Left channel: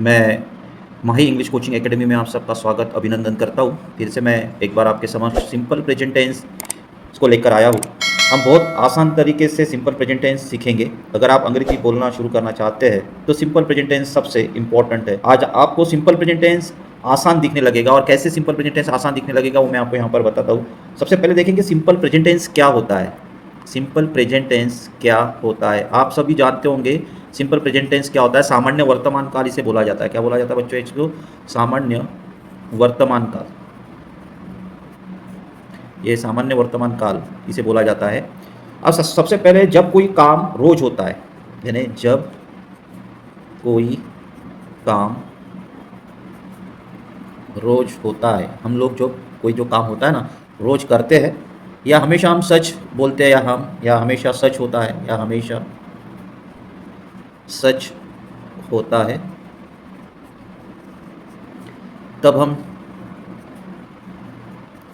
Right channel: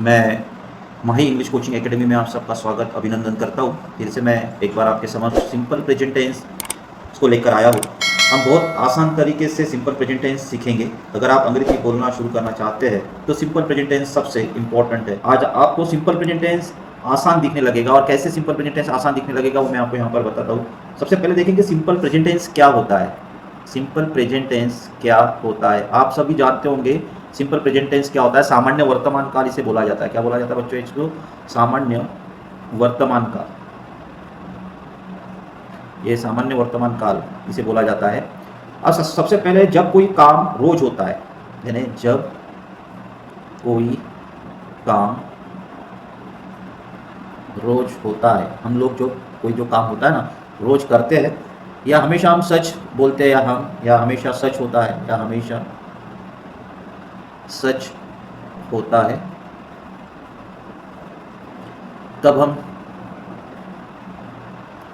मैं माही English coaching academy में आप सबका स्वागत अभिनंदन करता हूँ। फिर से मैं एक बार आपके समक्ष सिंपल प्रेजेंट टेंस को लेकर आया हूँ। हम बहुत आसान तरीके से सिंपल प्रेजेंट टेंस सीखेंगे। अगर आप अंग्रेजी बोलना शुरू करना चाहते हैं तो सिंपल प्रेजेंट टेंस सबसे इम्पोर्टेंट है। आज आपको सिंपल प्रेजेंट टेंस आसान दिखने लगेगा और कैसे सिंपल प्रेजेंट टेंस आसान दिखने लगेगा वो मैं आपको यहाँ पर बताता हूँ। सबसे पहले देखेंगे सिंपल प्रेजेंट टेंस क्या होता है। सिंपल प्रेजेंट टेंस क्या होता है आप सभी जानते होंगे। सिंपल प्रेजेंट टेंस क्या होता है? सामान्य वर्तमान काल इसे बोला जाता है। क्या बोला जाता है बच्चों इसको? सामान्य वर्तमान काल। ये सामान्य वर्तमान काल इसे बोला जाता है। अब सबसे पहले जब कोई काम रोज होता है, यानी जब कोई काम रोज होता है, हम लोग जो कोई जो काम होता है ना रोज करते हैं, या हमेशा हम सच बोलते हैं, या हमेशा सच होता है, या हमेशा सच होता है, तब हम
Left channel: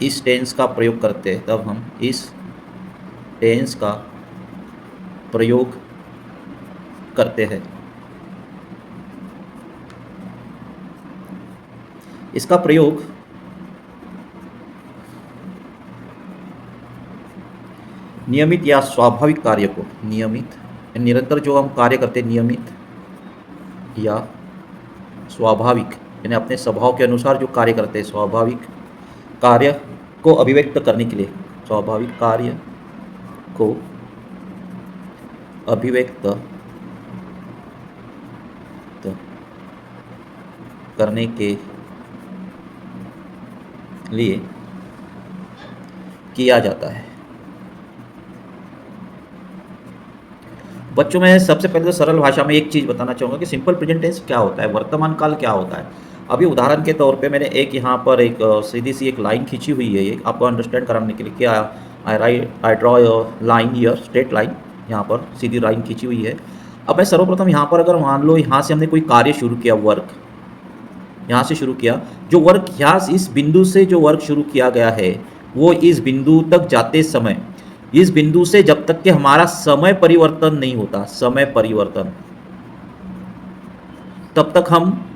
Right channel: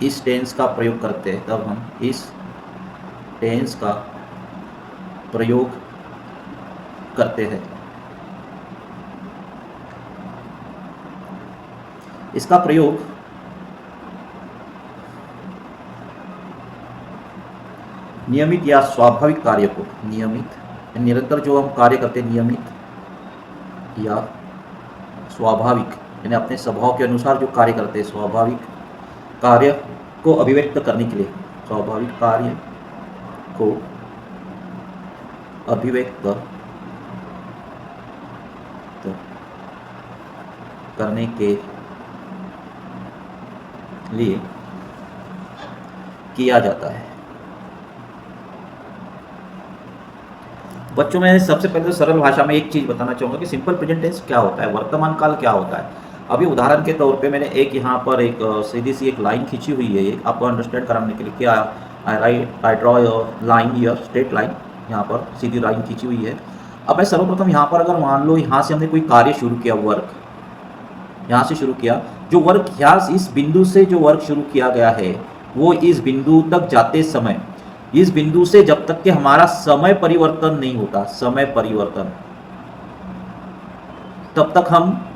इस टेंस का प्रयोग करते हैं। तब हम इस टेंस का प्रयोग करते हैं। इसका प्रयोग नियमित या स्वाभाविक कार्य को, नियमित निरंतर जो हम कार्य करते हैं, नियमित या स्वाभाविक यानी अपने स्वभाव के अनुसार जो कार्य करते हैं, स्वाभाविक कार्य को अभिव्यक्त करने के लिए, स्वाभाविक कार्य को अभिव्यक्त करने के लिए किया जाता है। बच्चों मैं सबसे पहले तो सरल भाषा में एक चीज़ बताना चाहूँगा कि सिंपल प्रेजेंट टेंस क्या होता है, वर्तमान काल क्या होता है। अभी उदाहरण के तौर पे मैंने एक यहाँ पर एक सीधी सी एक लाइन खींची हुई है, एक आपको अंडरस्टैंड कराने के लिए। क्या I draw line here, straight line, यहाँ पर सीधी लाइन खींची हुई है। अब मैं सर्वप्रथम यहाँ पर अगर मान लो यहाँ से हमने कोई कार्य शुरू किया, वर्क यहाँ से शुरू किया, जो वर्क यहाँ इस बिंदु से जो वर्क शुरू किया गया है वो इस बिंदु तक जाते समय, इस बिंदु से जब तक कि हमारा समय परिवर्तन नहीं होता, समय परिवर्तन, तब तक हम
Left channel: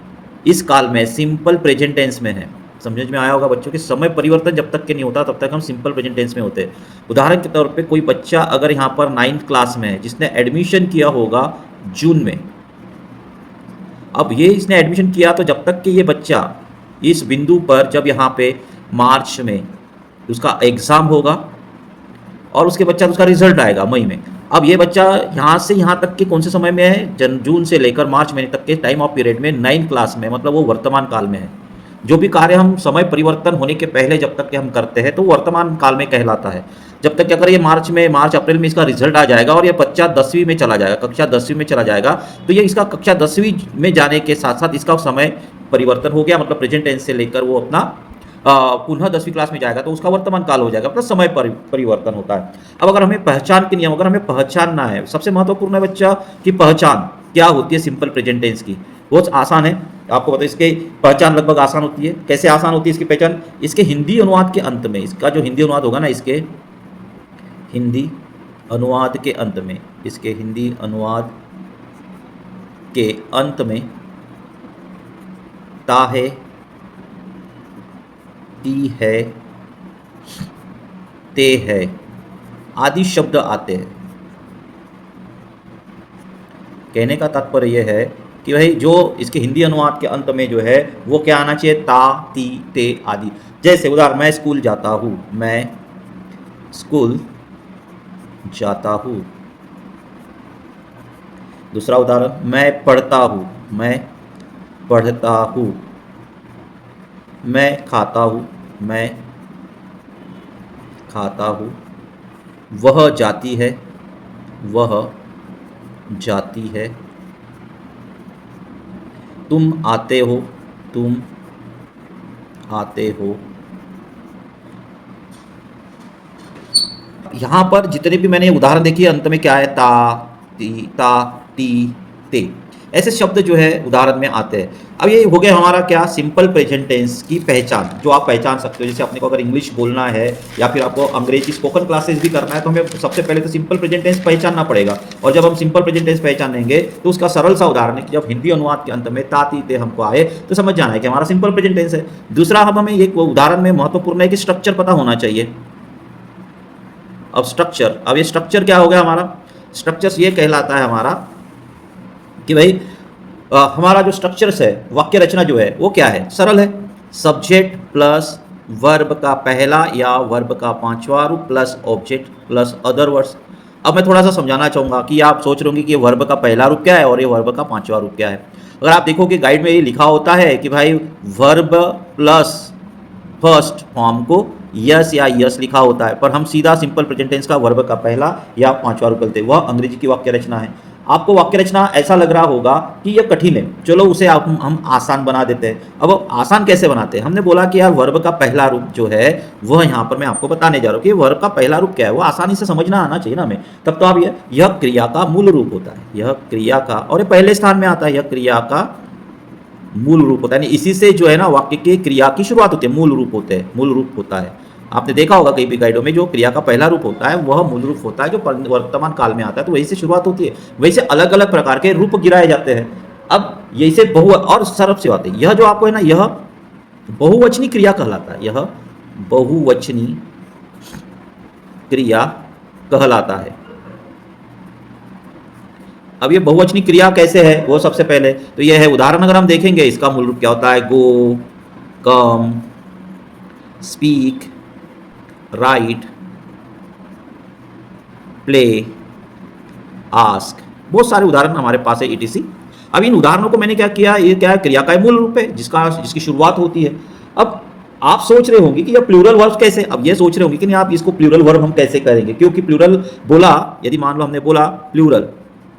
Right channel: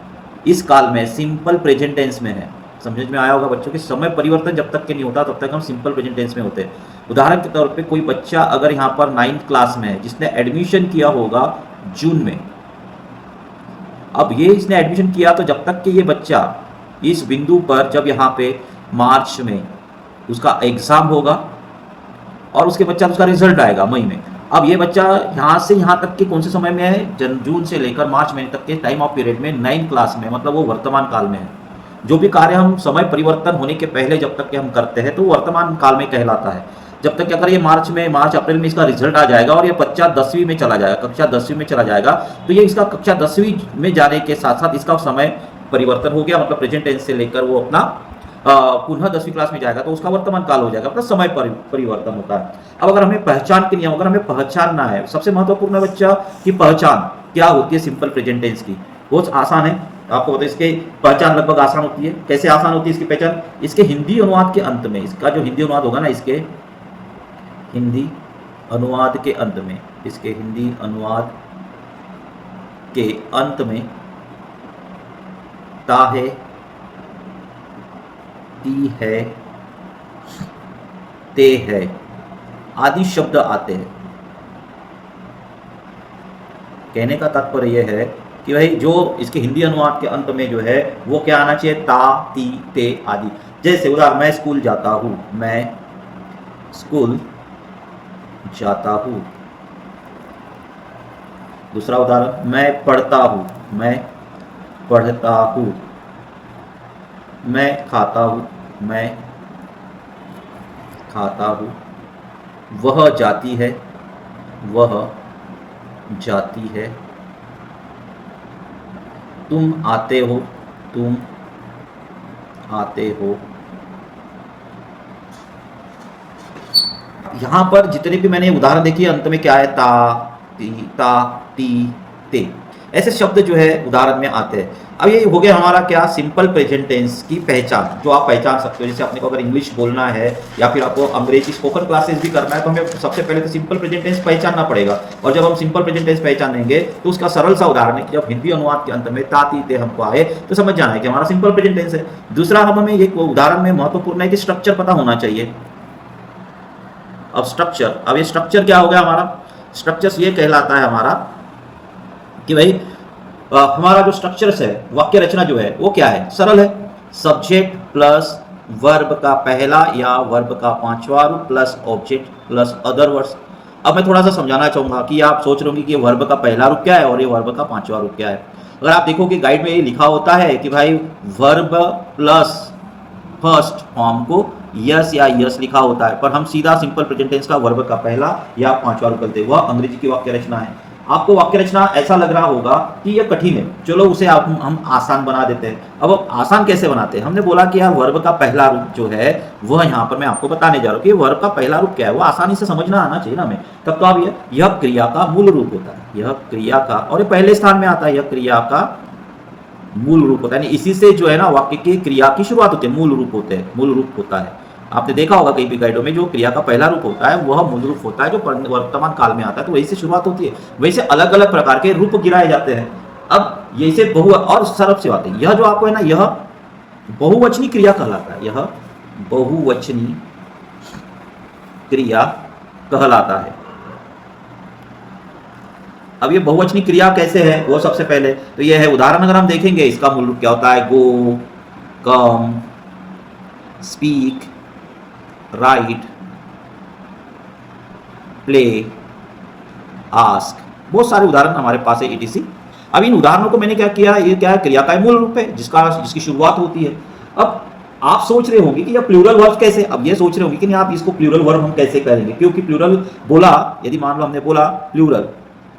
इस काल में सिंपल प्रेजेंट टेंस में है। समझ में आया होगा बच्चों कि समय परिवर्तन जब तक के नहीं होता तब तक हम सिंपल प्रेजेंट टेंस में होते हैं। उदाहरण के तौर पे कोई बच्चा अगर यहाँ पर 9th क्लास में है, जिसने एडमिशन किया होगा जून में, अब ये इसने एडमिशन किया तो जब तक कि ये बच्चा इस बिंदु पर, जब यहाँ पे मार्च में उसका एग्ज़ाम होगा और उसके बच्चा उसका रिजल्ट आएगा मई में, अब ये बच्चा यहाँ से यहाँ तक के कौन से समय में है? जून से लेकर मार्च महीने तक के टाइम ऑफ पीरियड में 9th क्लास में, मतलब वो वर्तमान काल में है। जो भी कार्य हम समय परिवर्तन होने के पहले जब तक के हम करते हैं तो वर्तमान काल में कहलाता है। जब तक कि अगर ये मार्च अप्रैल में इसका रिजल्ट आ जाएगा और ये बच्चा 10वीं में चला जाएगा, कक्षा 10वीं में चला जाएगा, तो ये इसका कक्षा 10वीं में जाने के साथ साथ इसका समय परिवर्तन हो गया, मतलब प्रेजेंट टेंस से लेकर वो अपना पुनः 10वीं क्लास में जाएगा तो उसका वर्तमान काल हो जाएगा, अपना समय परिवर्तन होता है। अब अगर हमें पहचान के नियम, अगर हमें पहचानना है, सबसे महत्वपूर्ण है बच्चा की पहचान क्या होती है सिंपल प्रेजेंट टेंस की। बहुत आसान है, आपको पता है इसके पहचान लगभग आसान होती है। कैसे आसान होती है इसकी पहचान? इसके हिंदी अनुवाद के अंत में, इसका जो हिंदी अनुवाद होगा ना, इसके हिंदी अनुवाद के अंत में, इसके हिंदी अनुवाद के अंत में ता है, ती है, ते है आदि शब्द आते हैं। कहने का तात्पर्य यह है कि भाई जो इसके हिंदी अनुवाद के अंत में जो है वो क्या आना चाहिए? ता, ती, ते आदि। जैसे उदाहरण, मैं स्कूल जाता हूँ, मैं स्कूल जाता हूँ। दूसरा उदाहरण, मैं पढ़ता हूँ, मैं पढ़ता हूँ। मैं खाता हूँ, मैं खाता हूँ। वह जाती है, वह जाती है। तुम आते हो, तुम आते हो। यहाँ पर जितने भी मैंने उदाहरण देखी अंत में क्या है? ता, ती, ती, ते। ऐसे शब्द जो है उदाहरण में आते हैं। अब ये हो गया हमारा क्या, सिंपल प्रेजेंट टेंस की पहचान, जो आप पहचान सकते हो। जैसे अपने को अगर इंग्लिश बोलना है या फिर आपको अंग्रेजी स्पोकन क्लासेस भी करना है, तो हमें सबसे पहले तो सिंपल प्रेजेंट टेंस पहचानना पड़ेगा। और जब हम सिंपल प्रेजेंट टेंस पहचानेंगे तो उसका सरल सा उदाहरण है कि जब हिंदी अनुवाद के अंत में ताती ते हमको आए तो समझ जाना है कि हमारा सिंपल प्रेजेंट टेंस है। दूसरा, हमें एक उदाहरण में महत्वपूर्ण है कि स्ट्रक्चर पता होना चाहिए। अब स्ट्रक्चर, अब ये स्ट्रक्चर क्या हो गया हमारा, स्ट्रक्चर ये कहलाता है हमारा कि भाई हमारा जो स्ट्रक्चर्स है, वाक्य रचना जो है वो क्या है, सरल है। सब्जेक्ट प्लस वर्ब का पहला या वर्ब का पांचवा रूप plus object plus other words. अब मैं थोड़ा सा समझाना चाहूंगा कि आप सोच रहे होंगे कि ये वर्ब का पहला रूप क्या है और ये वर्ब का पांचवा रूप क्या है। अगर आप देखोगे गाइड में ये लिखा होता है कि भाई वर्ब प्लस फर्स्ट फॉर्म को यस या यस लिखा होता है, पर हम सीधा सिंपल प्रेजेंट टेंस का वर्ब का पहला या पांचवा रूप करते हैं। वह अंग्रेजी की वाक्य रचना है। आपको वाक्य रचना ऐसा लग रहा होगा कि यह कठिन है, चलो उसे हम आसान बना देते हैं। अब आसान कैसे बनाते हैं, हमने बोला कि यार वर्ब का पहला रूप जो है वह यहाँ पर मैं आपको बताने जा रहा हूँ कि वर्ब का पहला रूप क्या है, वो आसानी से समझना आना चाहिए ना हमें। तब तो आप यह क्रिया का मूल रूप होता है, यह क्रिया का, और ये पहले स्थान में आता है, यह क्रिया का मूल रूप होता है। यानी इसी से जो है ना वाक्य के क्रिया की शुरुआत होती है, मूल रूप होते हैं, मूल रूप होता है। आपने देखा होगा कई भी गाइडों में जो क्रिया का पहला रूप होता है वह मूल रूप होता है, जो वर्तमान काल में आता है, तो वही से शुरुआत होती है। वही से अलग अलग प्रकार के रूप गिराए जाते हैं। अब यही से बहु और सरब से बात है, यह जो आपको है ना, यह बहुवचनी क्रिया कहलाता है, यह बहुवचनी क्रिया कहलाता है। अब ये बहुवचनी क्रिया कैसे है, वो सबसे पहले तो ये है, उदाहरण अगर हम देखेंगे इसका मूल रूप क्या होता है, गो, कम, स्पीक, राइट, प्ले, आस्क, बहुत सारे उदाहरण हमारे पास है ईटीसी। अब इन उदाहरणों को मैंने क्या किया, ये क्या है, क्रिया का मूल रूप है जिसकी शुरुआत होती है। अब आप सोच रहे होंगे कि ये प्लूरल वर्ब कैसे, अब ये सोच रहे होंगे कि नहीं आप इसको प्लूरल वर्ब हम कैसे करेंगे, क्योंकि प्लूरल बोला, यदि मान लो हमने बोला प्लूरल,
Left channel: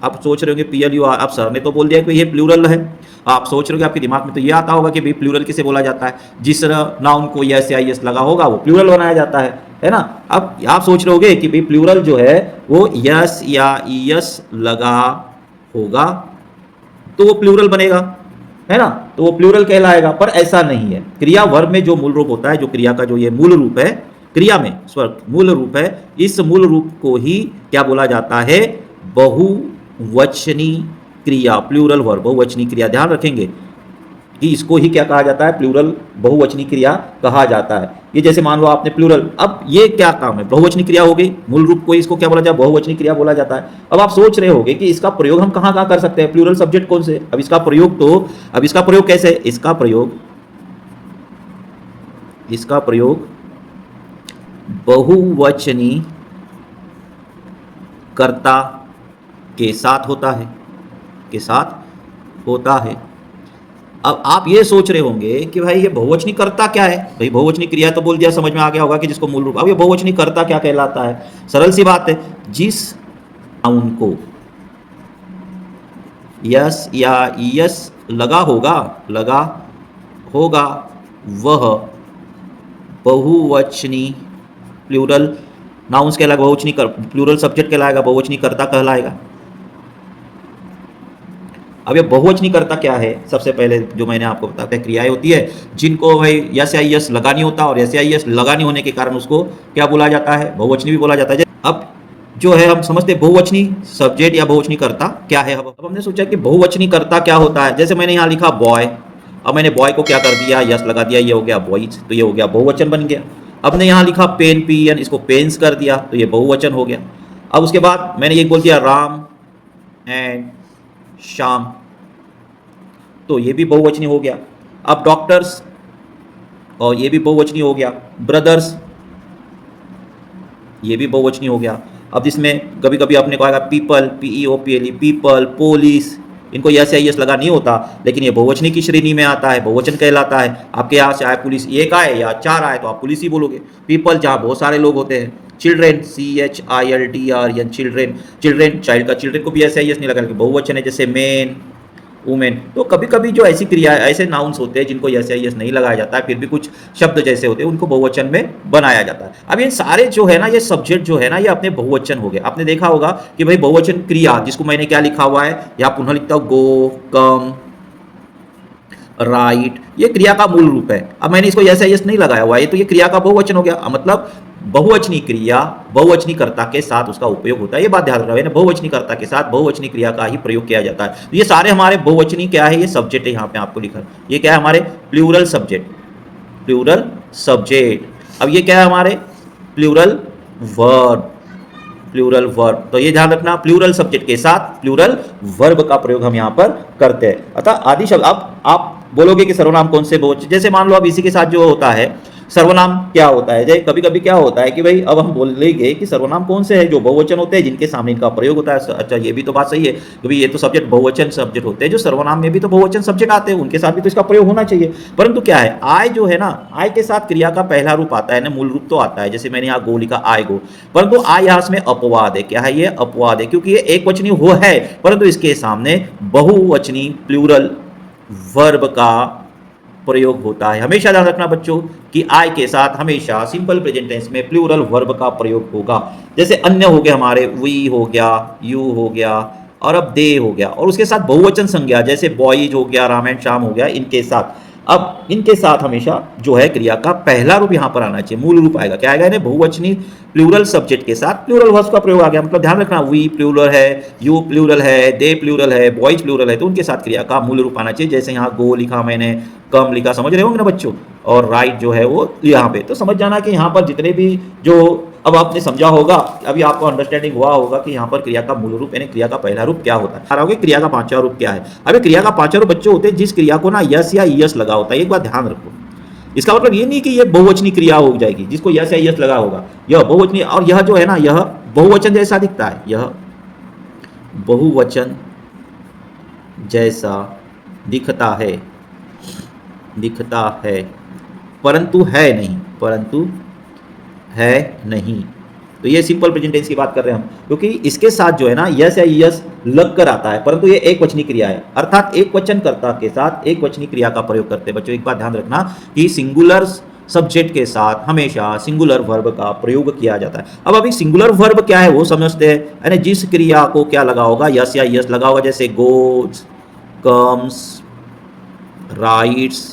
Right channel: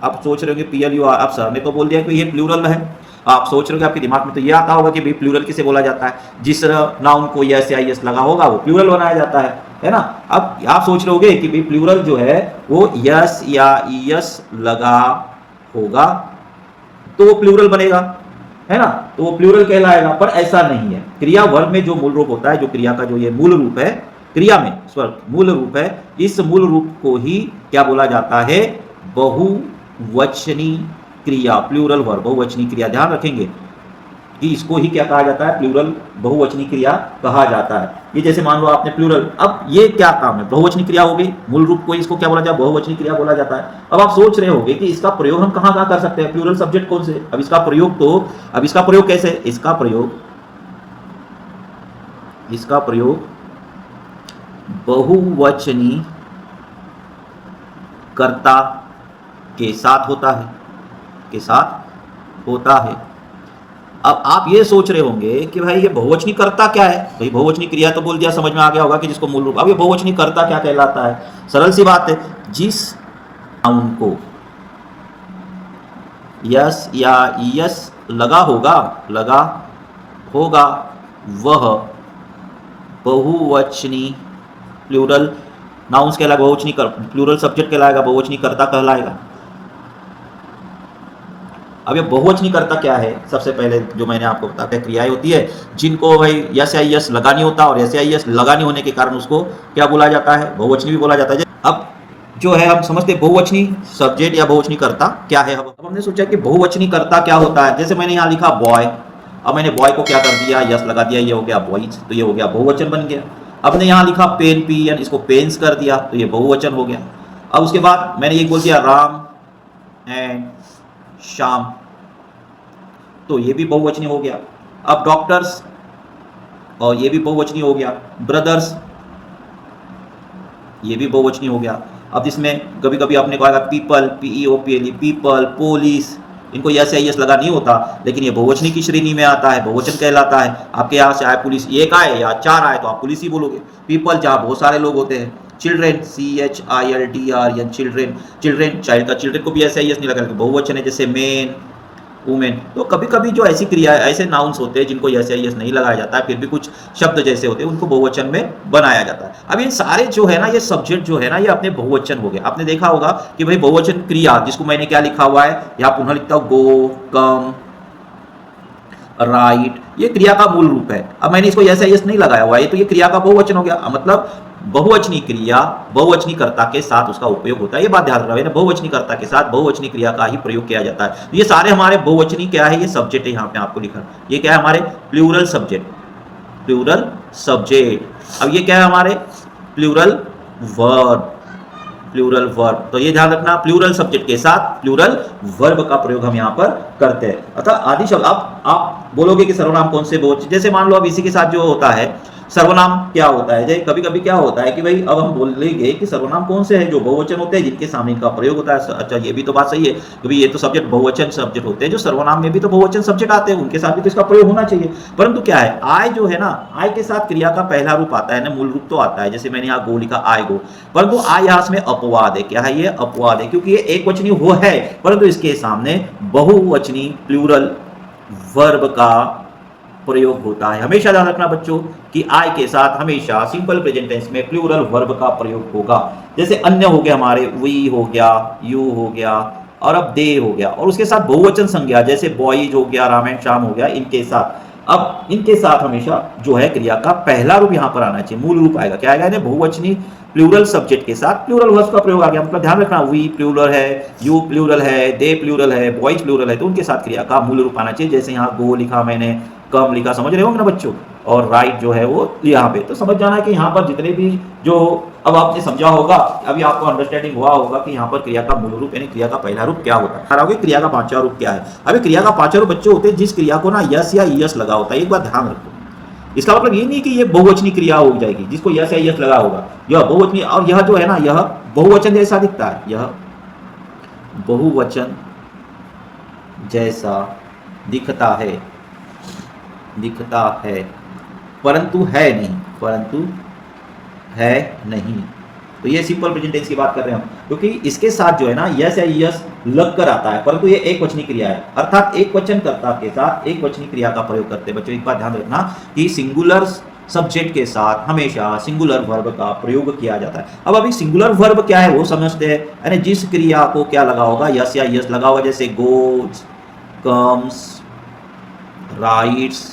आप सोच रहे होंगे PLU, आप सर ने तो बोल दिया कि ये प्लूरल है। आप सोच रहे हो, आपके दिमाग में तो ये आता होगा कि भाई प्लूरल किसे बोला जाता है, जिस नाउन को यस या यस लगा होगा वो प्लूरल बनाया जाता है ना। अब आप सोच रहे होगे कि भाई प्लूरल जो है वो यस या यस लगा होगा तो वो प्लूरल बनेगा, है ना, तो वो प्लूरल कहलाएगा, पर ऐसा नहीं है। क्रिया वर्ब में जो मूल रूप होता है, जो क्रिया का जो ये मूल रूप है, क्रिया में मूल रूप है, इस मूल रूप को ही क्या बोला जाता है, बहुवचनी क्रिया, प्लूरल वर्ब, बहुवचनी क्रिया। ध्यान रखेंगे कि इसको ही क्या कहा जाता है, प्लूरल बहुवचनी क्रिया कहा जाता है। ये जैसे मान लो आपने प्लूरल, अब ये क्या काम है, बहुवचनी क्रिया हो गई, मूल रूप को इसको क्या बोला जाता है, बहुवचनी क्रिया बोला जाता है। अब आप सोच रहे होंगे कि इसका प्रयोग हम कहाँ कहाँ कर सकते हैं, प्लूरल सब्जेक्ट कौन से, अब इसका प्रयोग कैसे, इसका प्रयोग बहुवचनी कर्ता के साथ होता है। अब आप ये सोच रहे होंगे कि भाई ये बहुवचनी कर्ता क्या है, भाई बहुवचनी क्रिया तो बोल दिया, समझ में आ गया होगा कि जिसको मूल रूप। अब ये बहुवचनी कर्ता क्या कहलाता है, सरल सी बात है, जिस नाउन को यस या यस लगा होगा वह बहुवचनी प्लूरल नाउन्स कहलाएगा, बहुवचनी प्लूरल सब्जेक्ट कहलाएगा, बहुवचनी कर्ता कहलाएगा। अब ये बहुवचनी कर्ता क्या है, सबसे पहले जो मैंने आपको बताया क्रियाएं होती है जिनको भाई यस या यस लगा नहीं होता, और यस या यस लगा नहीं होने के कारण उसको क्या बोला जाता है, बहुवचनी भी बोला जाता है। अब जो है हम समझते हैं बहुवचनी सब्जेक्ट या बहुवचनी कर्ता क्या है। अब हमने सोचा कि बहुवचनी कर्ता क्या होता है, जैसे मैंने यहाँ लिखा बॉय, अब मैंने बॉय को क्या कर दिया, यस लगा दिया, ये हो गया बॉयज, तो ये हो गया बहुवचन बन गया। अब मैंने यहाँ लिखा पेन, PN, इसको पेन्स कर दिया तो ये बहुवचन हो गया। अब उसके बाद मैंने ये बोल दिया राम एंड श्याम, तो ये भी बहुवचनी हो गया। अब डॉक्टर्स, और ये भी बहुवचनी हो गया। ब्रदर्स, ये भी बहुवचनी हो गया। अब इसमें कभी कभी आपने कहा पीपल, PEOPLE, पीपल, पुलिस, इनको यस या यस लगा नहीं होता, लेकिन ये बहुवचनी की श्रेणी में आता है, बहुवचन कहलाता है। आपके यहाँ से आए पुलिस एक आए या चार आए तो आप पुलिस ही बोलोगे। पीपल जहाँ बहुत सारे लोग होते हैं। चिल्ड्रेन, CHILDREN, चिल्ड्रेन, चाइल्ड का चिल्ड्रेन को भी यस या यस नहीं लगा, बहुवचन है, जैसे मैन, वुमेन। तो कभी कभी जो ऐसी क्रिया ऐसे नाउन्स होते हैं जिनको यस या यस नहीं लगाया जाता है, फिर भी कुछ शब्द जैसे होते हैं उनको बहुवचन में बनाया जाता है। अब ये सारे जो है ना, ये सब्जेक्ट जो है ना, ये अपने बहुवचन हो गए। आपने देखा होगा कि भाई बहुवचन क्रिया, जिसको मैंने क्या लिखा हुआ है या पुनः लिखता हूँ, गो, कम, राइट, ये क्रिया का मूल रूप है। अब मैंने इसको यस या यस नहीं लगाया हुआ है, तो ये क्रिया का बहुवचन हो गया। मतलब बहुवचनी क्रिया बहुवचनी कर्ता के साथ उसका उपयोग होता है। ये बात ध्यान रखना है, बहुवचनी कर्ता के साथ बहुवचनी क्रिया का ही प्रयोग किया जाता है। तो ये सारे हमारे बहुवचनी क्या है, ये सब्जेक्ट है। यहाँ पे आपको लिखा, ये क्या है हमारे प्लूरल सब्जेक्ट, प्लूरल सब्जेक्ट। अब ये क्या है हमारे प्लूरल वर्ब, प्लूरल वर्ब। तो ये ध्यान रखना, प्लूरल सब्जेक्ट के साथ प्लूरल वर्ब का प्रयोग हम यहाँ पर करते हैं। अतः आदि शब्द, आप बोलोगे कि सर्वनाम कौन से बहुवचन, जैसे मान लो अब इसी के साथ जो होता है सर्वनाम क्या होता है, जैसे कभी कभी क्या होता है कि भाई अब हम बोलेंगे कि सर्वनाम कौन से हैं जो बहुवचन होते हैं जिनके सामने इनका प्रयोग होता है। अच्छा, ये भी तो बात सही है कि भाई ये तो सब्जेक्ट बहुवचन सब्जेक्ट होते हैं, जो सर्वनाम में भी तो बहुवचन सब्जेक्ट आते हैं, उनके साथ भी तो इसका प्रयोग होना चाहिए। परंतु क्या है, आय जो है ना, आय के साथ क्रिया का पहला रूप आता है ना, मूल रूप तो आता है। जैसे मैंने यहाँ गो लिखा, आय गो, परंतु आय यहाँ में अपवाद है। क्या है ये? अपवाद है, क्योंकि ये एक वचनी हो है, परंतु इसके सामने बहुवचनी प्लूरल वर्ब का प्रयोग होता है। हमेशा ध्यान रखना बच्चों कि आई के साथ हमेशा सिंपल प्रेजेंट टेंस में प्लूरल वर्ब का प्रयोग होगा। जैसे अन्य हो गए हमारे, वी हो गया, यू हो गया, और अब दे हो गया, और उसके साथ बहुवचन संज्ञा जैसे बॉयज हो गया, राम एंड श्याम हो गया, इनके साथ अब इनके साथ हमेशा जो है क्रिया का पहला रूप यहाँ पर आना चाहिए, मूल रूप आएगा। क्या आएगा? इन्हें बहुवचनी प्लूरल सब्जेक्ट के साथ प्लूरल वर्ब का प्रयोग आ गया। मतलब ध्यान रखना, वी प्लूरल है, यू प्लूरल है, दे प्लूरल है, बॉयज प्लूरल है, तो उनके साथ क्रिया का मूल रूप आना चाहिए। जैसे यहाँ गो लिखा मैंने, कम लिखा, समझ रहे होंगे ना बच्चों, और राइट जो है वो यहाँ पे। तो समझ जाना कि यहाँ पर जितने भी जो अब आपने समझा होगा, अभी आपको अंडरस्टैंडिंग हुआ होगा कि यहाँ पर क्रिया का मूल रूप यानी क्रिया का पहला रूप क्या होता है। क्रिया का पांचवा रूप क्या है? अभी क्रिया का पांचवा रूप बच्चे होते हैं जिस क्रिया को ना यस या यस लगा होता है। एक बात ध्यान रखो, इसका मतलब ये नहीं कि ये बहुवचनी क्रिया हो जाएगी जिसको यस या यस लगा होगा, यह बहुवचनी। और यह जो है ना, यह बहुवचन जैसा दिखता है, यह बहुवचन जैसा दिखता है, परंतु है नहीं, परंतु है नहीं। तो ये सिंपल प्रेजेंट टेंस की बात कर रहे हैं हम, क्योंकि इसके साथ जो है ना यस या यस लग कर आता है, परंतु ये एक वचनी क्रिया है, अर्थात एक वचन कर्ता के साथ एक वचनी क्रिया का प्रयोग करते हैं। बच्चों एक बात ध्यान रखना कि सिंगुलर सब्जेक्ट के साथ हमेशा सिंगुलर वर्ब का प्रयोग किया जाता है। अब अभी सिंगुलर वर्ब क्या है वो समझते हैं, यानी जिस क्रिया को क्या लगा होगा, यस या यस लगा होगा, जैसे गोज, कम्स, राइट्स,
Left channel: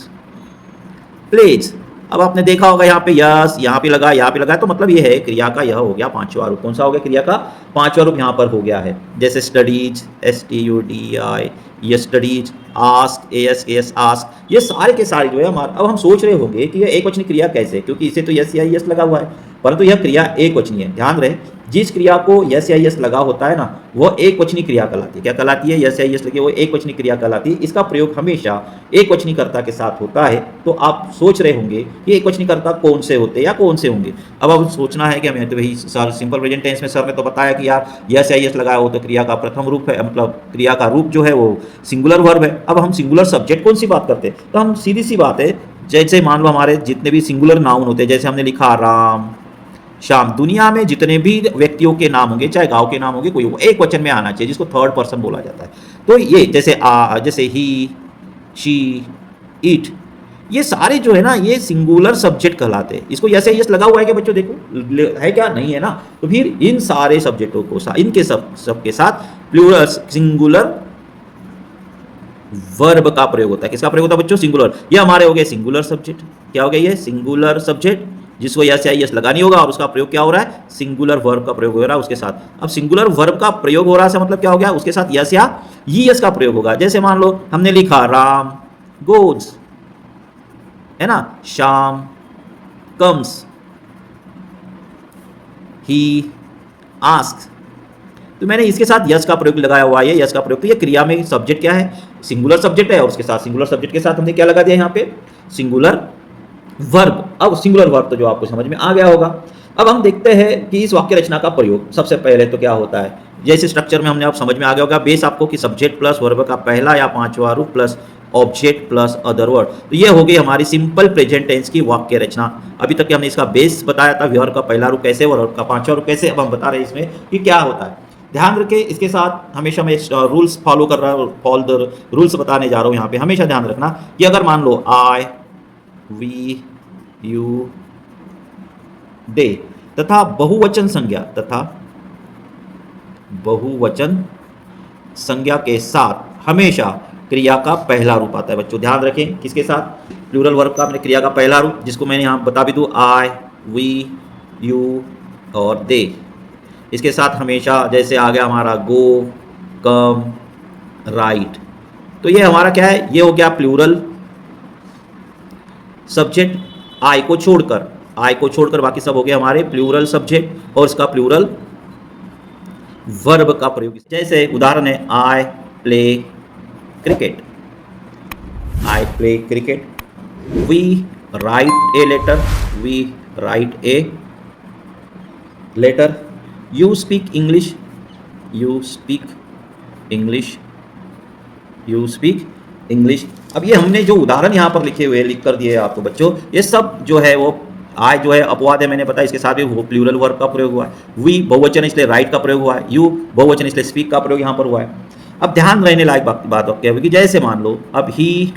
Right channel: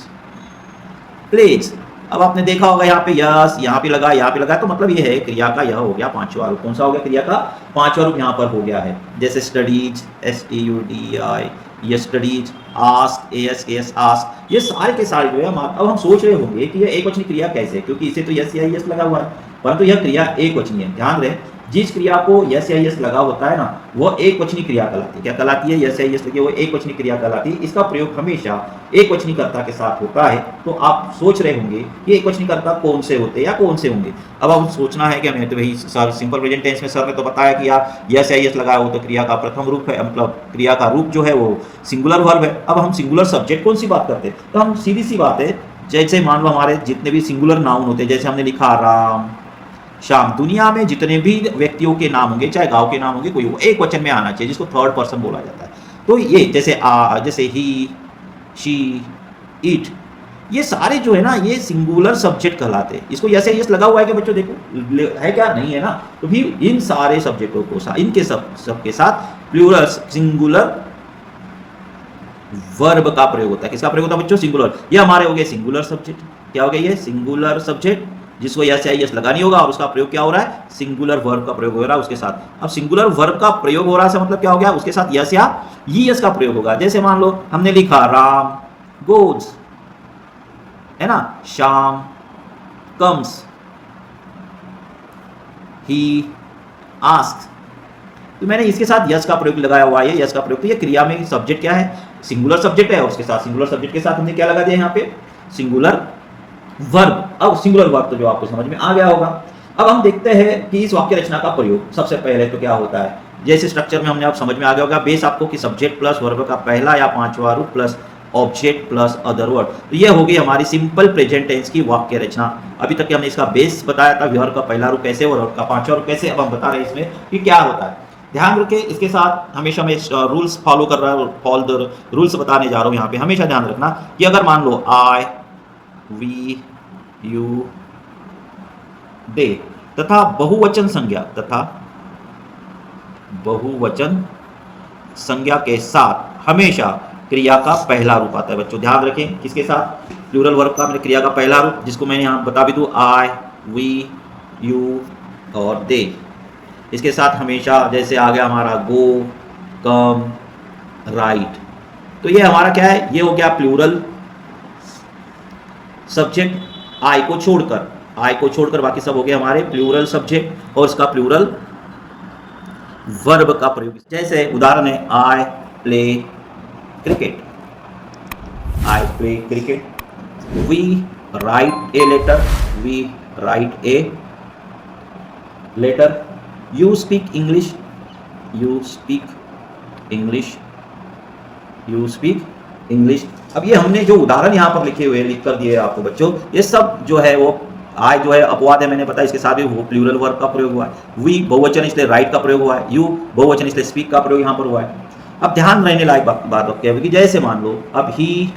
प्लेज। अब आपने देखा होगा यहाँ पे यस, यहाँ पे लगा, यहाँ पे लगा, तो मतलब ये है क्रिया का यह हो गया पांचवा रूप। कौन सा हो गया? क्रिया का पांचवा रूप यहाँ पर हो गया है। जैसे स्टडीज, STUDI, ये स्टडीज, आस्क, ASK, आस्क, ये सारे के सारे जो है हमारे। अब हम सोच रहे होंगे कि यह एक वचनी क्रिया कैसे, क्योंकि इसे तो यस या यस लगा हुआ है, परंतु यह क्रिया एक वचनी है। ध्यान रहे, जिस क्रिया को यस या यस लगा होता है ना, वह एक वचनी क्रिया कहलाती है। क्या कहलाती है? यस या यस लगे वो एक वचनी क्रिया कहलाती है। इसका प्रयोग हमेशा एक वचनी कर्ता के साथ होता है। तो आप सोच रहे होंगे कि एक वचनी कर्ता कौन से होते हैं या कौन से होंगे। अब आप सोचना है कि हमें तो वही सिंपल प्रेजेंट टेंस में सर ने तो बताया कि यार यस या यस लगाया हो तो क्रिया का प्रथम रूप है, मतलब क्रिया का रूप जो है वो सिंगुलर वर्ब है। अब हम सिंगुलर सब्जेक्ट कौन सी बात करते हैं, तो हम सीधी सी बात है, जैसे मान लो हमारे जितने भी सिंगुलर नाउन होते हैं, जैसे हमने लिखा राम, श्याम, दुनिया में जितने भी व्यक्तियों के नाम होंगे, चाहे गांव के नाम होंगे, कोई एक वचन में आना चाहिए, जिसको थर्ड पर्सन बोला जाता है। तो ये जैसे ही, शी, इट, ये सारे जो है ना ये सिंगुलर सब्जेक्ट कहलाते हैं। इसको यस या यस लगा हुआ है कि बच्चों देखो है क्या? नहीं है ना। तो फिर इन सारे सब्जेक्टों को इनके सबके साथ प्लूरल सिंगुलर वर्ब का प्रयोग होता है। किसका प्रयोग होता है बच्चों? सिंगुलर। ये हमारे हो गए सिंगुलर सब्जेक्ट। क्या हो गया? ये सिंगुलर सब्जेक्ट जिसको यस या यस लगानी होगा, और उसका प्रयोग क्या हो रहा है? सिंगुलर वर्ब का प्रयोग हो रहा है उसके साथ। अब सिंगुलर वर्ब का प्रयोग हो रहा है मतलब क्या हो गया? उसके साथ यस या यस का प्रयोग होगा। जैसे मान लो हमने लिखा राम गोज, है ना, श्याम कम्स, ही आस्क, तो मैंने इसके साथ यस का प्रयोग लगाया हुआ है। यस का प्रयोग, तो ये क्रिया में सब्जेक्ट क्या है? सिंगुलर सब्जेक्ट है, और उसके साथ सिंगुलर सब्जेक्ट के साथ हमने क्या लगा दिया यहाँ पे? Singular verb. अब सिंगुलर वर्ब तो जो आपको समझ में आ गया होगा। अब हम देखते हैं कि इस वाक्य रचना का प्रयोग सबसे पहले तो क्या होता है। जैसे स्ट्रक्चर में हमने अब समझ में आ गया होगा बेस आपको कि सब्जेक्ट प्लस वर्ब का पहला या पांचवा रूप plus object plus other word. तो ये हो गई हमारी सिंपल प्रेजेंट टेंस की वाक्य रचना। अभी तक हमने इसका बेस बताया था, व्यवहार का पहला रूप कैसे, वर्ब का पांचवा रूप कैसे। अब हम बता रहे हैं इसमें कि क्या होता है। ध्यान रखें, इसके साथ हमेशा मैं रूल्स फॉलो कर रहा हूँ, फॉलो द रूल्स बताने जा रहा हूँ यहाँ पे। हमेशा ध्यान रखना कि अगर मान लो आई, वी, यू, दे तथा बहुवचन संज्ञा के साथ हमेशा क्रिया का पहला रूप आता है। बच्चों ध्यान रखें, किसके साथ? प्लूरल वर्ब का क्रिया का पहला रूप, जिसको मैंने यहाँ बता भी दूँ, आई, वी, यू और दे। इसके साथ हमेशा जैसे आ गया हमारा गो, कम, राइट, तो ये हमारा क्या है? ये हो गया प्लूरल सब्जेक्ट आई को छोड़कर बाकी सब हो गए हमारे प्लूरल सब्जेक्ट और उसका प्लूरल वर्ब का प्रयोग। जैसे उदाहरण है I play cricket, we write a letter, you speak English. अब ये हमने जो उदाहरण यहाँ पर लिखे हुए लिख कर दिए आपको बच्चों, ये सब जो है वो आई जो है अपवाद है, मैंने बताया, इसके साथ भी वो प्लूरल वर्ब का प्रयोग हुआ है। वी बहुवचन इसलिए राइट का प्रयोग हुआ है, यू बहुवचन इसलिए स्पीक का प्रयोग यहाँ पर हुआ है। अब ध्यान रहने लायक बात क्या है कि जैसे मान लो अब ही,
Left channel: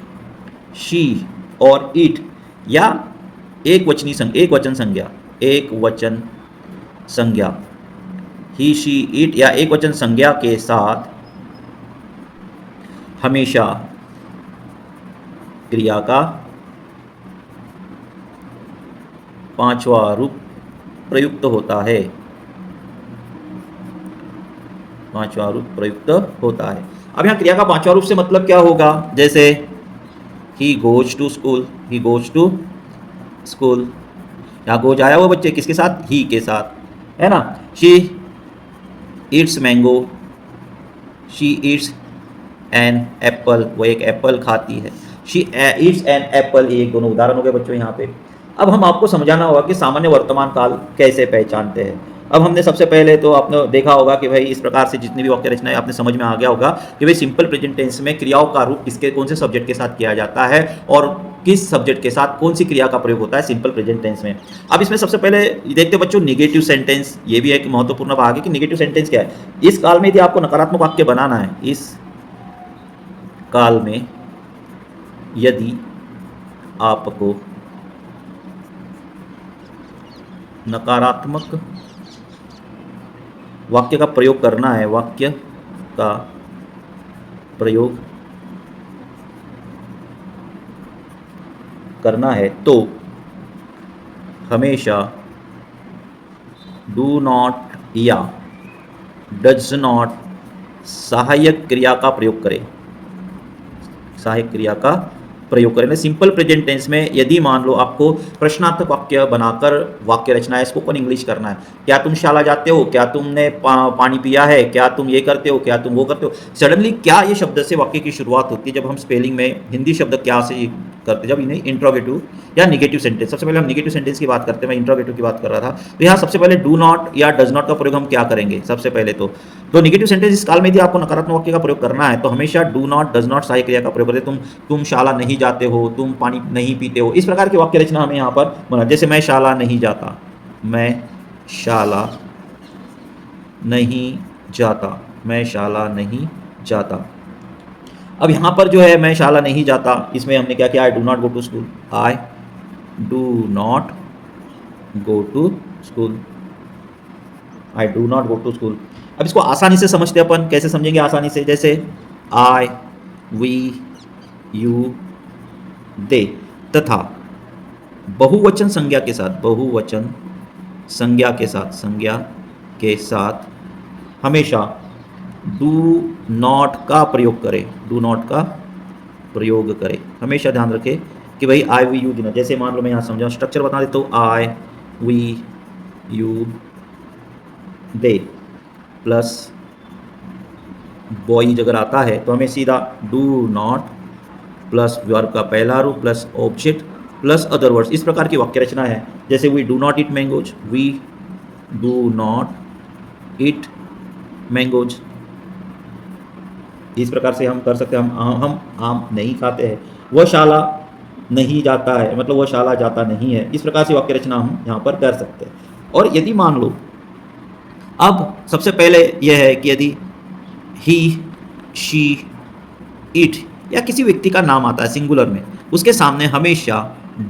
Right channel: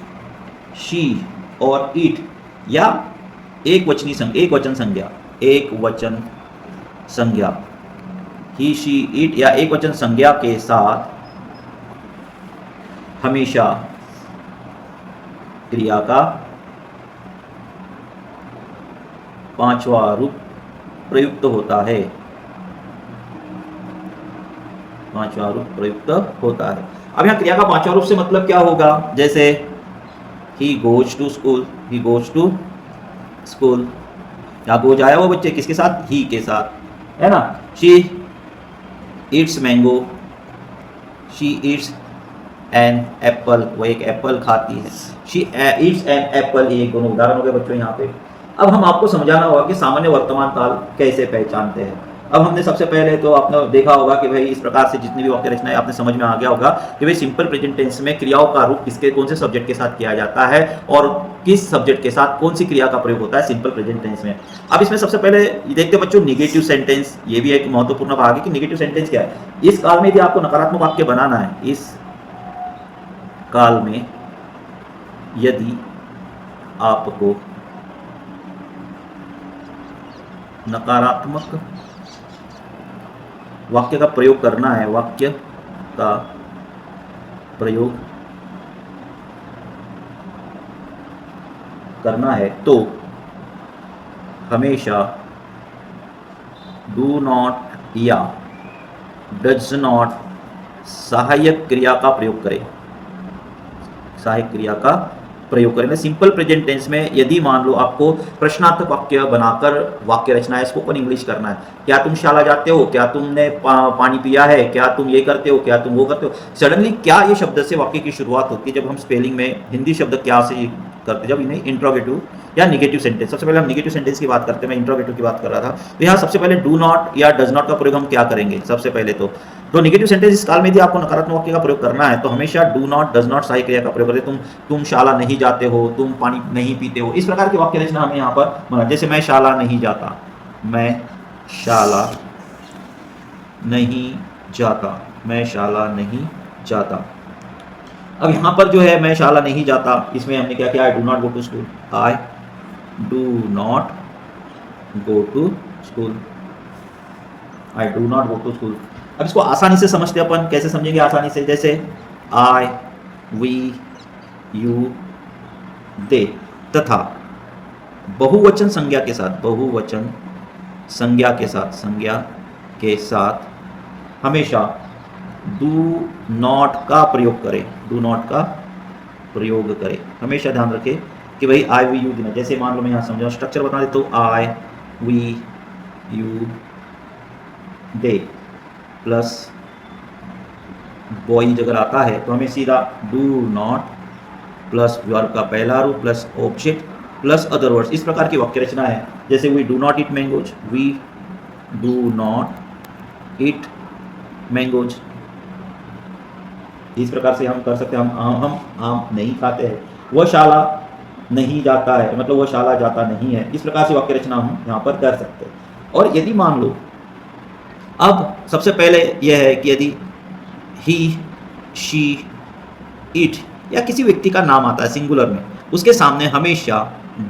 शी और इट या एक वचन संज्ञा ही, शी, इट या एक वचन संज्ञा के साथ हमेशा क्रिया का पांचवा रूप प्रयुक्त होता है। अब यहाँ क्रिया का पांचवा रूप से मतलब क्या होगा? जैसे ही गोज टू स्कूल, यहाँ गोज आया वो बच्चे किसके साथ? ही के साथ, है ना। She eats mango, she eats an apple, वो एक एप्पल खाती है। शी ईट्स एन एप्पल, ये दोनों उदाहरण हो गए बच्चों यहाँ पे। अब हम आपको समझाना होगा कि सामान्य वर्तमान काल कैसे पहचानते हैं। अब हमने सबसे पहले तो आपने देखा होगा कि भाई इस प्रकार से जितनी भी वाक्य रचनाएं आपने समझ में आ गया होगा कि भाई सिंपल प्रेजेंट टेंस में क्रियाओं का रूप किसके कौन से सब्जेक्ट के साथ किया जाता है और किस सब्जेक्ट के साथ कौन सी क्रिया का प्रयोग होता है सिंपल प्रेजेंट टेंस में। अब इसमें सबसे पहले देखते बच्चों निगेटिव सेंटेंस, ये भी एक महत्वपूर्ण भाग है कि निगेटिव सेंटेंस क्या है। इस काल में यदि आपको नकारात्मक वाक्य बनाना है, इस काल में यदि आपको नकारात्मक वाक्य का प्रयोग करना है, तो हमेशा डू नॉट या डज नॉट सहायक क्रिया का प्रयोग करें। सिंपल प्रेजेंट टेंस में यदि मान लो आपको प्रश्नार्थक वाक्य बनाकर वाक्य रचना है, स्पोकन इंग्लिश करना है, क्या तुम शाला जाते हो, क्या तुमने पानी पिया है, क्या तुम ये करते हो, क्या तुम वो करते हो, सडनली क्या ये शब्द से वाक्य की शुरुआत होती है। जब हम स्पेलिंग में हिंदी शब्द क्या से करते, जब इन्हें इंट्रोगेटिव या निगेटिव सेंटेंस, सबसे पहले हम निगेटिव सेंटेंस की बात करते हैं, मैं इंट्रोगेटिव की बात कर रहा था। तो यहाँ सबसे पहले डू नॉट या डज नॉट का प्रयोग हम क्या करेंगे? सबसे पहले तो निगेटिव सेंटेंस इस काल में यदि आपको नकारात्मक वाक्य का प्रयोग करना है तो हमेशा डू नॉट डज नॉट सहायक क्रिया का प्रयोग करें। तुम शाला नहीं जाते हो, तुम पानी नहीं पीते हो, इस प्रकार की वाक्य रचना हमें यहाँ पर बना। जैसे मैं शाला नहीं जाता, मैं शाला नहीं जाता। अब यहाँ पर जो है मैं शाला नहीं जाता, इसमें हमने क्या किया? I do not go to school, I do not go to school. अब इसको आसानी से समझते अपन, कैसे समझेंगे आसानी से? जैसे आई, वी, यू, दे तथा बहुवचन संज्ञा के साथ हमेशा डू नॉट का प्रयोग करें। हमेशा ध्यान रखें कि भाई आई, वी, यू देना। जैसे मान लो मैं यहाँ समझा, स्ट्रक्चर बता देता हूँ, I, we, you, they plus boys अगर आता है तो हमें सीधा डू नॉट प्लस वर्ब का पहला रूप plus object plus other words, इस प्रकार की वाक्य रचना है। जैसे we do not eat mangoes, we do not eat mangoes, इस प्रकार से हम कर सकते हैं। हम आम नहीं खाते हैं, वह शाला नहीं जाता है, मतलब वह शाला जाता नहीं है। इस प्रकार से वाक्य रचना हम यहाँ पर कर सकते हैं। और यदि मान लो अब सबसे पहले यह है कि यदि ही, शी, इट या किसी व्यक्ति का नाम आता है सिंगुलर में, उसके सामने हमेशा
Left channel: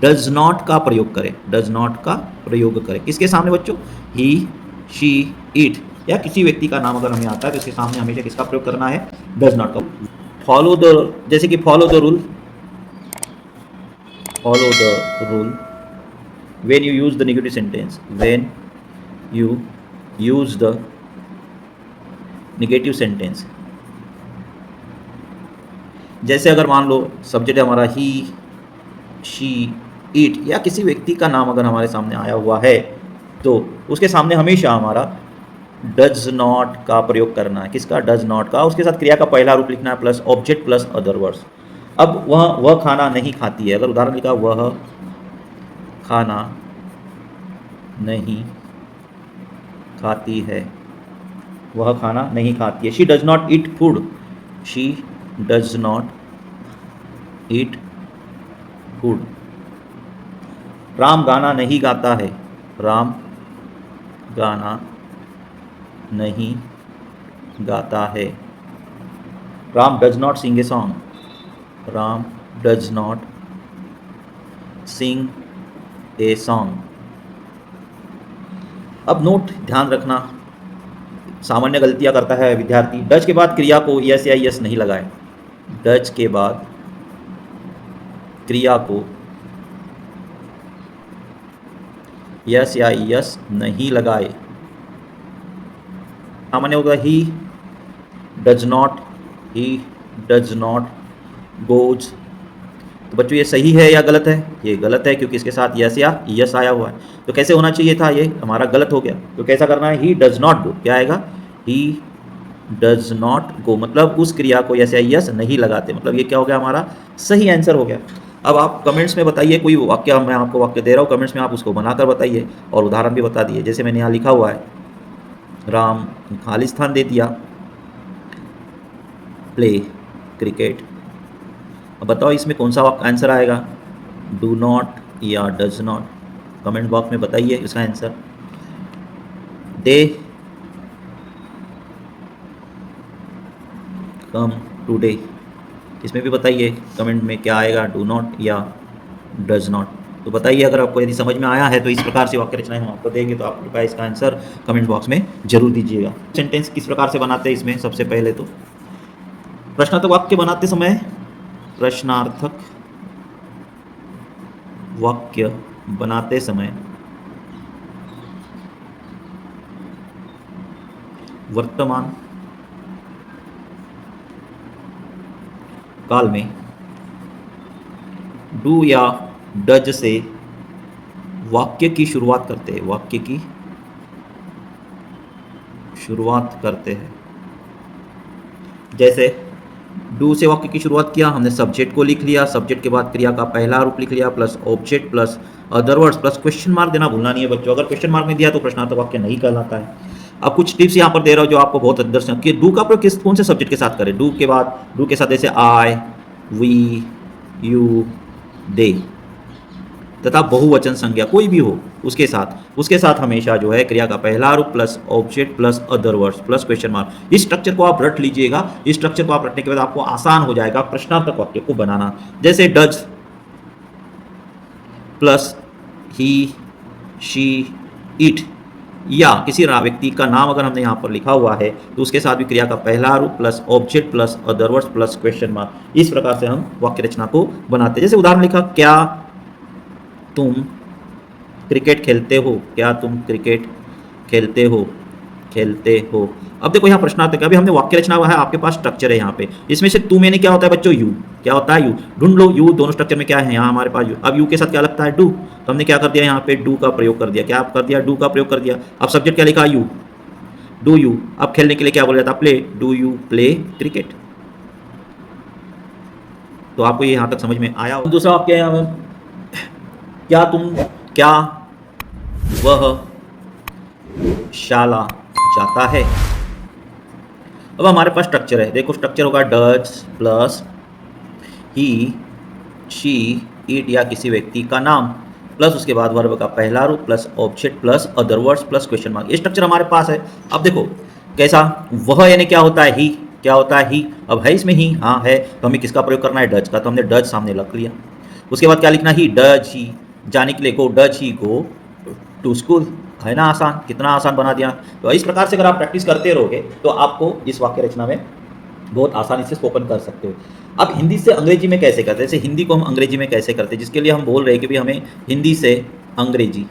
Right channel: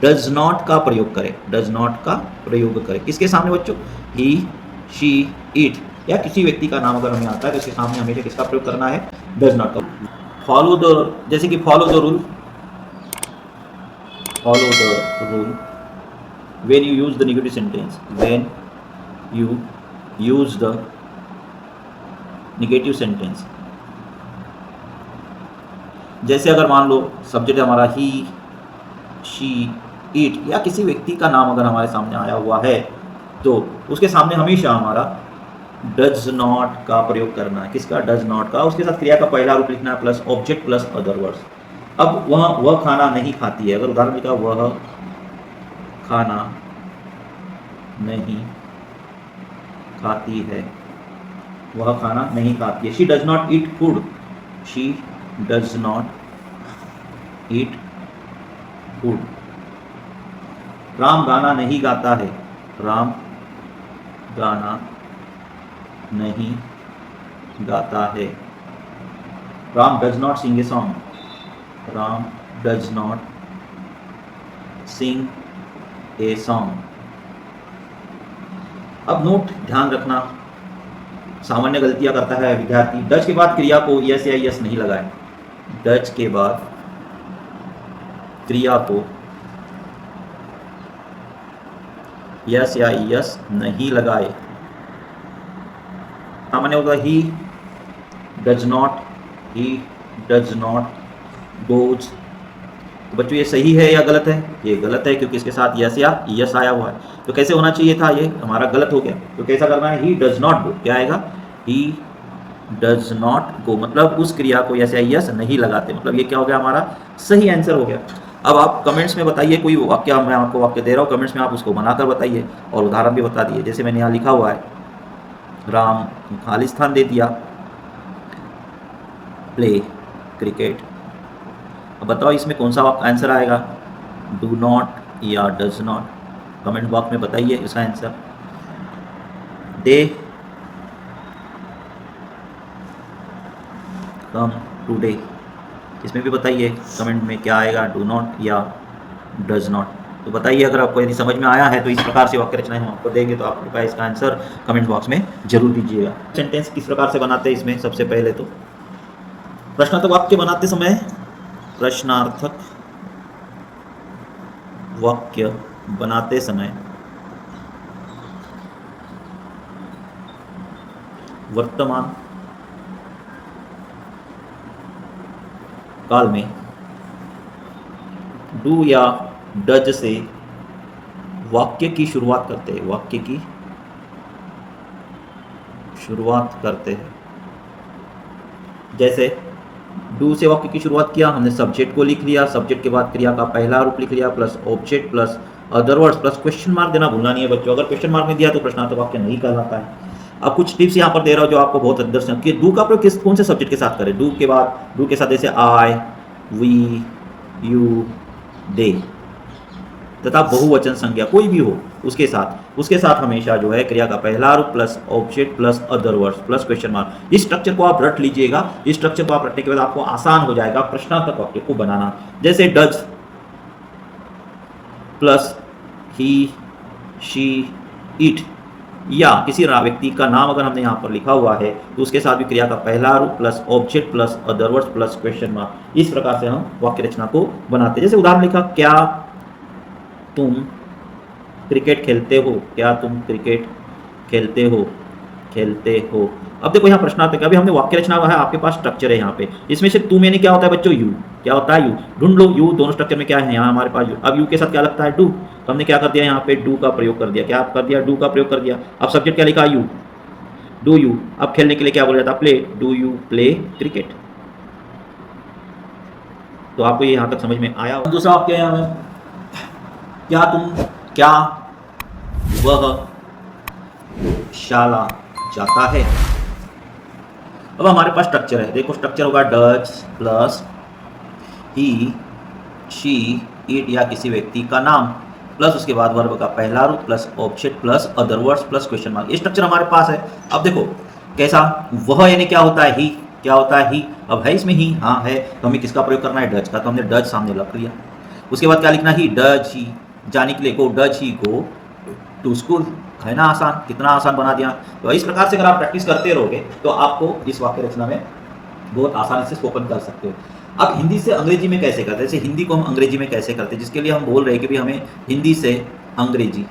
डज नॉट का प्रयोग करें। डज नॉट का प्रयोग करें किसके सामने बच्चों? ही, शी, इट या किसी व्यक्ति का नाम अगर हमें आता है तो उसके सामने हमेशा किसका प्रयोग करना है? डज नॉट का। फॉलो द, जैसे कि follow the rule, follow the rule when you use the negative sentence, when you use the negative sentence, जैसे अगर मान लो सब्जेक्ट हमारा ही, शी, इट या किसी व्यक्ति का नाम अगर हमारे सामने आया हुआ है तो उसके सामने हमेशा हमारा डज नॉट का प्रयोग करना है। किसका? डज नॉट का। उसके साथ क्रिया का पहला रूप लिखना है plus object plus other words. अब वह खाना नहीं खाती है, अगर उदाहरण लिखा वह खाना नहीं खाती है, वह खाना नहीं खाती है। She does not eat food, she does not eat food. Ram गाना नहीं गाता है, राम गाना नहीं गाता है। Ram does not sing a song, Ram does not sing a song. अब नोट ध्यान रखना, सामान्य गलतियां करता है विद्यार्थी। डज के बाद क्रिया को यस या यस नहीं लगाए, डज के बाद क्रिया को यस या यस नहीं लगाए। सामान्य होगा he does not, he does not goes. तो बच्चों ये सही है या गलत है? ये गलत है क्योंकि इसके साथ यस या यस आया हुआ है। तो कैसे होना चाहिए था? ये हमारा गलत हो गया। तो कैसा करना है? He does not go. क्या आएगा? ही डज नॉट गो, मतलब उस क्रिया को यस या यस नहीं लगाते, मतलब ये क्या हो गया? हमारा सही आंसर हो गया। अब आप कमेंट्स में बताइए, कोई वाक्य, मैं आपको वाक्य दे रहा हूँ, कमेंट्स में आप उसको बनाकर बताइए और उदाहरण भी बता दिए। जैसे मैंने यहाँ लिखा हुआ है, राम खालिस्तान दे दिया, प्ले क्रिकेट। अब बताओ इसमें कौन सा आंसर आएगा? डू नॉट या डज नॉट? कमेंट बॉक्स में बताइए इसका आंसर। दे कम टुडे, इसमें भी बताइए कमेंट में क्या आएगा, डू नॉट या डज नॉट। तो बताइए अगर आपको यदि समझ में आया है तो इस प्रकार से वाक्य रचनाएं हम आपको देंगे तो आप कृपया इसका आंसर कमेंट बॉक्स में जरूर दीजिएगा। सेंटेंस किस प्रकार से बनाते हैं इसमें? सबसे पहले तो प्रश्नार्थक वाक्य बनाते समय, प्रश्नार्थक वाक्य बनाते समय वर्तमान काल में डू या डज से वाक्य की शुरुआत करते हैं, वाक्य की शुरुआत करते हैं। जैसे डू से वाक्य की शुरुआत किया हमने, सब्जेक्ट को लिख लिया, सब्जेक्ट के बाद क्रिया का पहला रूप लिख लिया plus object plus other words plus question mark देना भूलना नहीं है बच्चों। अगर क्वेश्चन मार्क नहीं दिया तो प्रश्नार्थक वाक्य नहीं कहलाता है। अब कुछ टिप्स यहाँ पर दे रहा हूँ जो आपको बहुत दर्शन कि डू का प्रयोग किस कौन से सब्जेक्ट के साथ करें। डू के बाद, डू के साथ जैसे आई, वी, यू, दे तथा बहुवचन संज्ञा कोई भी हो उसके साथ हमेशा जो है क्रिया का पहला रूप plus object plus other words plus question mark. इस स्ट्रक्चर को आप रट लीजिएगा। इस स्ट्रक्चर को आप रटने के बाद आपको आसान हो जाएगा प्रश्नार्थक वाक्य को बनाना। जैसे does plus he, she, it या किसी व्यक्ति का नाम अगर हमने यहाँ पर लिखा हुआ है तो उसके साथ भी क्रिया का पहला रूप plus object plus other words plus question mark. इस प्रकार से हम वाक्य रचना को बनाते हैं। जैसे उदाहरण लिखा, क्या तुम क्रिकेट खेलते हो? क्या तुम क्रिकेट खेलते हो? खेलते हो। अब देखो यहाँ प्रश्नार्थक, अभी हमने वाक्य रचना हुआ है, आपके पास स्ट्रक्चर है यहाँ पे। इसमें से तुम यानी क्या होता है बच्चों? यू। क्या होता है? यू। ढूंढ लो यू दोनों स्ट्रक्चर में क्या है। यहाँ हमारे पास यू। अब यू के साथ क्या लगता है? डू। तो हमने क्या कर दिया यहाँ पे? डू का प्रयोग कर दिया। क्या कर दिया? डू का प्रयोग कर दिया। अब सब्जेक्ट क्या लिखा? यू। Do you. अब खेलने के लिए क्या बोला जाता है? Play. Do you play cricket. तो आपको ये यहाँ तक समझ में आया। दूसरा वाक्य यहाँ पर, क्या वह शाला जाता है। अब हमारे पास स्ट्रक्चर है, देखो स्ट्रक्चर होगा does plus he, she, it या किसी व्यक्ति का नाम प्लस उसके बाद वर्ब का पहला रूप plus object plus other words plus question mark. ये स्ट्रक्चर हमारे पास है। अब देखो कैसा, वह यानी क्या होता है, ही, क्या होता है ही। अब है इसमें ही, हाँ है, तो हमें किसका प्रयोग करना है, डज का, तो हमने डज सामने रख लिया। उसके बाद क्या लिखना, ही, डज ही, जाने के लिए go, does he go to school. है ना आसान, कितना आसान बना दिया। तो इस प्रकार से अगर आप प्रैक्टिस करते रहोगे तो आपको इस वाक्य रचना में बहुत आसानी से स्पोकन कर सकते हो। अब हिंदी से अंग्रेजी में कैसे करते हैं, जैसे हिंदी को हम अंग्रेजी में कैसे करते हैं, जिसके लिए हम बोल रहे हैं कि भाई हमें हिंदी से अंग्रेजी,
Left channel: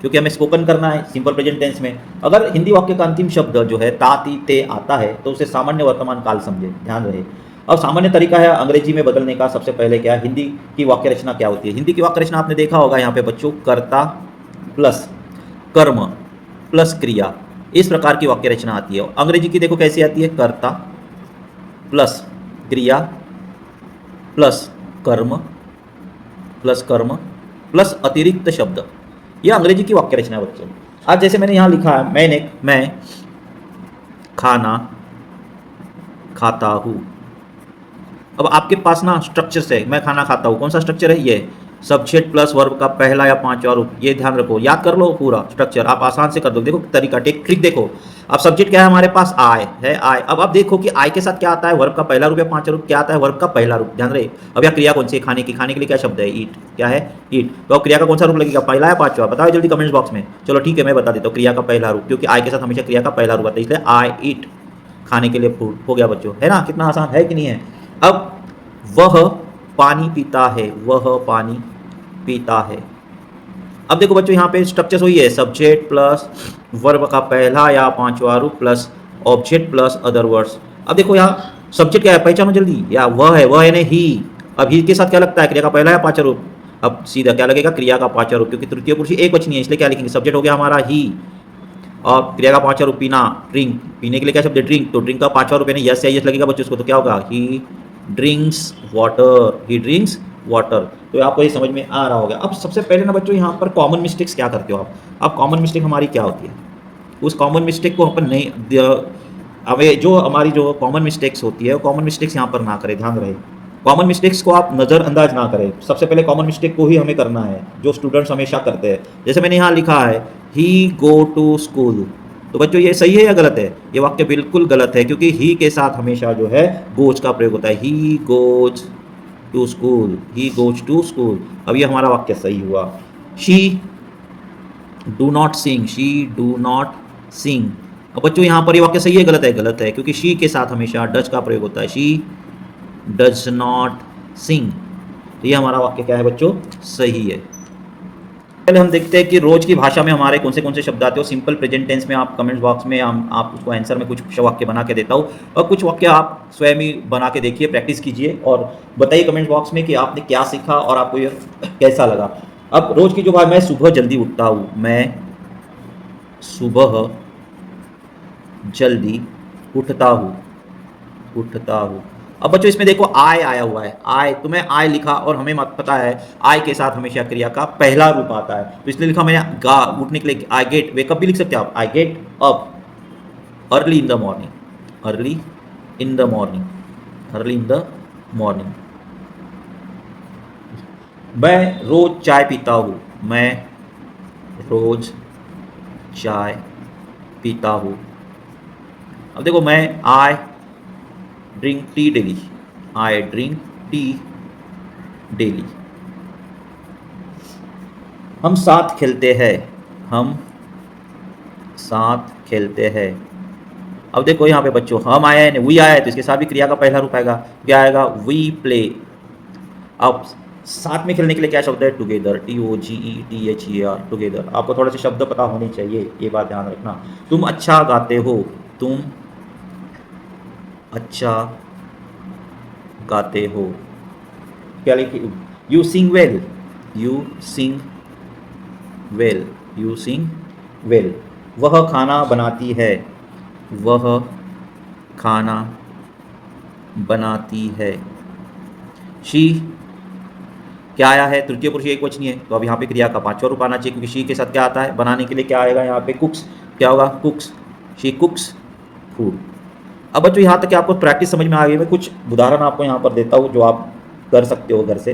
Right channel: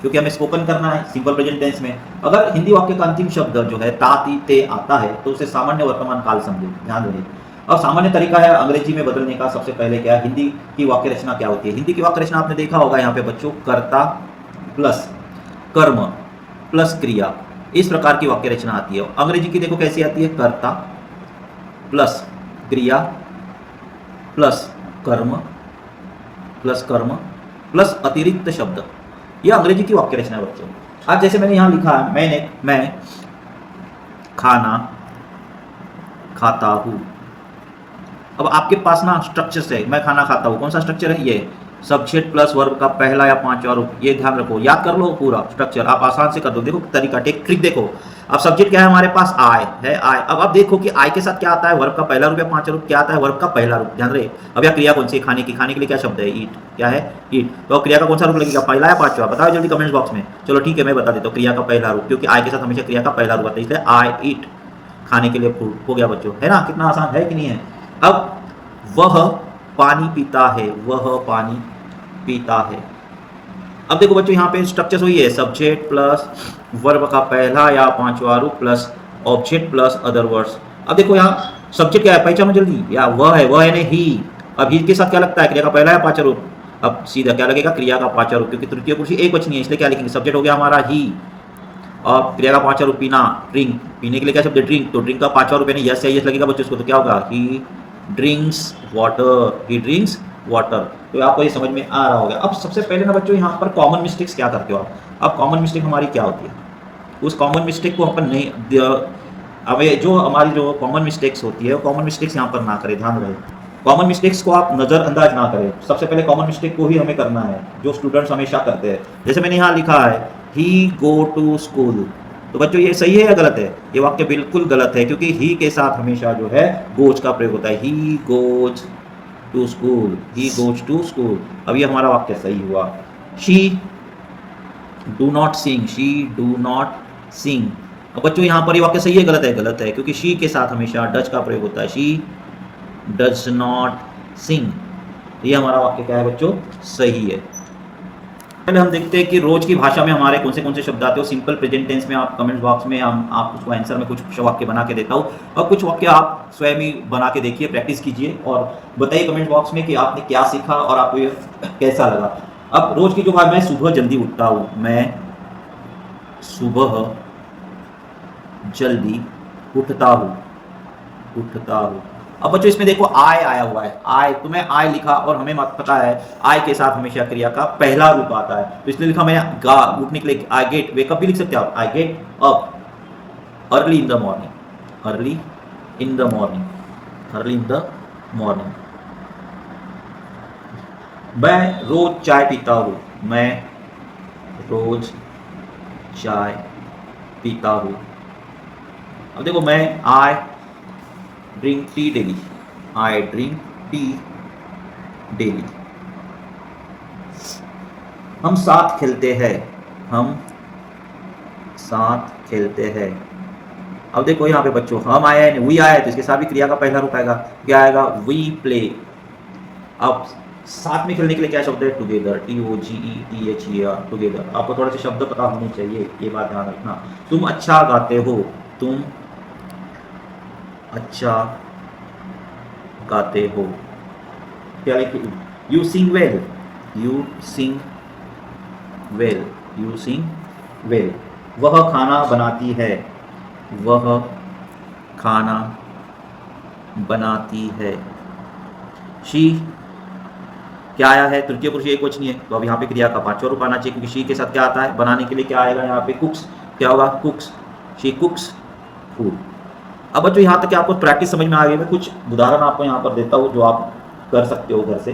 क्योंकि हमें स्पोकन करना है सिंपल प्रेजेंट टेंस में। अगर हिंदी वाक्य का अंतिम शब्द जो है ता ती ते आता है तो उसे सामान्य वर्तमान काल समझे, ध्यान रहे। अब सामान्य तरीका है अंग्रेजी में बदलने का। सबसे पहले क्या है, हिंदी की वाक्य रचना क्या होती है। हिंदी की वाक्य रचना आपने देखा होगा यहाँ पे बच्चों, कर्ता प्लस कर्म प्लस क्रिया, इस प्रकार की वाक्य रचना आती है। अंग्रेजी की देखो कैसी आती है, कर्ता प्लस क्रिया प्लस कर्म प्लस अतिरिक्त शब्द। यह अंग्रेजी की वाक्य रचना है बच्चों। आज जैसे मैंने यहाँ लिखा है, मैं खाना खाता हूँ। अब आपके पास ना स्ट्रक्चर है, मैं खाना खाता हूँ, कौन सा स्ट्रक्चर है, ये सब्जेक्ट प्लस वर्ब का पहला या पांचवा रूप। ये ध्यान रखो, याद कर लो पूरा स्ट्रक्चर, आप आसान से कर दो। देखो तरीका, ट्रिक देखो। अब सब्जेक्ट क्या है हमारे पास, आय है, आय। अब आप देखो कि आय के साथ क्या आता है, वर्ब का पहला रूप या पांचवा रूप, क्या आता है, वर्ब का पहला रूप, ध्यान रहे। अब यह क्रिया कौन सी है, खाने की, खाने के लिए क्या शब्द है, ईट, क्या है, ईट। तो अब क्रिया का कौन सा रूप लगेगा, पहला या पांचवा, बताओ जल्दी कमेंट बॉक्स में। चलो ठीक है, मैं बता देता हूँ, क्रिया का पहला रूप, क्योंकि आय के साथ हमेशा क्रिया का पहला रूप आता है, इसलिए आई ईट, खाने के लिए फूड हो गया बच्चों, है ना। कितना आसान है कि नहीं है। अब वह पानी पीता है, वह पानी पीता है। अब देखो बच्चों यहाँ पे स्ट्रक्चर वही है, सब्जेक्ट प्लस वर्ब का पहला या पांचवा रूप plus object plus other words. अब देखो यहाँ सब्जेक्ट क्या है, पहचानो जल्दी, या वह है, वह यानी ही। अब ही के साथ क्या लगता है, क्रिया का पहला या पांचवा रूप। अब सीधा क्या लगेगा, क्रिया का पांचवा रूप, क्योंकि तृतीय पुरुष एक वचन है, इसलिए क्या लिखेंगे, सब्जेक्ट हो गया हमारा ही, और क्रिया का पांचवा रूप पीना, ड्रिंक, पीने के लिए क्या शब्द है, ड्रिंक। तो ड्रिंक का पांचवा रूप यानी यस या यस लगेगा बच्चों उसको, तो क्या होगा, ही ड्रिंक्स वाटर, ही ड्रिंक्स वाटर। तो आपको ये समझ में आ रहा होगा। अब सबसे पहले ना बच्चों यहाँ पर कॉमन मिस्टेक्स क्या करते हो आप। अब कॉमन मिस्टेक हमारी क्या होती है, उस कॉमन मिस्टेक को अपन नहीं, हमें जो हमारी जो कॉमन मिस्टेक्स होती है कॉमन मिस्टेक्स यहाँ पर ना करें, ध्यान रहे। कॉमन मिस्टेक्स को आप नज़रअंदाज ना करें। सबसे पहले कॉमन मिस्टेक को ही हमें करना है, जो स्टूडेंट्स हमेशा करते हैं। जैसे मैंने यहाँ लिखा है, ही गो टू स्कूल, तो बच्चों ये सही है या गलत है, ये वाक्य बिल्कुल गलत है, क्योंकि ही के साथ हमेशा जो है गोज का प्रयोग होता है, he goes to school, he goes to school. अब ये हमारा वाक्य सही हुआ। She do not sing, she do not sing. अब बच्चों यहाँ पर ये वाक्य सही है गलत है, गलत है, क्योंकि शी के साथ हमेशा डज का प्रयोग होता है, शी डज नॉट सिंग। तो ये हमारा वाक्य क्या है बच्चों, सही है। पहले हम देखते हैं कि रोज की भाषा में हमारे कौन से शब्द आते हो सिंपल प्रेजेंट टेंस में। आप कमेंट बॉक्स में हम आप उसको आंसर में कुछ वाक्य बना के देता हूँ, और कुछ वाक्य आप स्वयं ही बना के देखिए, प्रैक्टिस कीजिए, और बताइए कमेंट बॉक्स में कि आपने क्या सीखा और आपको ये कैसा लगा। अब रोज की जो भाषा, मैं सुबह जल्दी उठता हूँ, मैं सुबह जल्दी उठता हूँ। अब बच्चों इसमें देखो आय आया हुआ है, आय, तो मैं आय लिखा, और हमें मत पता है आय के साथ हमेशा क्रिया का पहला रूप आता है, तो इसलिए लिखा मैंने गा, उठने के लिए, आई गेट, वेकअप भी लिख सकते हो आप, I get up early in the morning, early in the morning, early in the morning. मैं रोज चाय पीता हूँ, मैं रोज चाय पीता हूँ। अब देखो मैं I drink tea daily, I drink tea daily. हम साथ खेलते हैं, हम साथ खेलते हैं। अब देखो यहाँ पे बच्चों हम आया है, वी आया है, तो इसके साथ भी क्रिया का पहला रूप आएगा, क्या आएगा, वी प्ले। अब साथ में खेलने के लिए क्या शब्द है, टुगेदर, TOGETHER, टुगेदर। आपको थोड़े से शब्द पता होने चाहिए, ये बात ध्यान रखना। तुम अच्छा गाते हो, तुम अच्छा गाते हो, क्या लिखे, you sing well, you sing well, you sing well. वह खाना बनाती है, वह खाना बनाती है। शी क्या आया है, तृतीय पुरुष एक वचनीय है, तो अब यहाँ पे क्रिया का पांचवा रूप आना चाहिए, क्योंकि शी के साथ क्या आता है, बनाने के लिए क्या आएगा यहाँ पे, कुक्स, क्या होगा, कुक्स, शी कुक्स फूड। अब बच्चों यहाँ तक आपको प्रैक्टिस समझ में आ गई। मैं कुछ उदाहरण आपको यहाँ पर देता हूँ जो आप कर सकते हो घर से।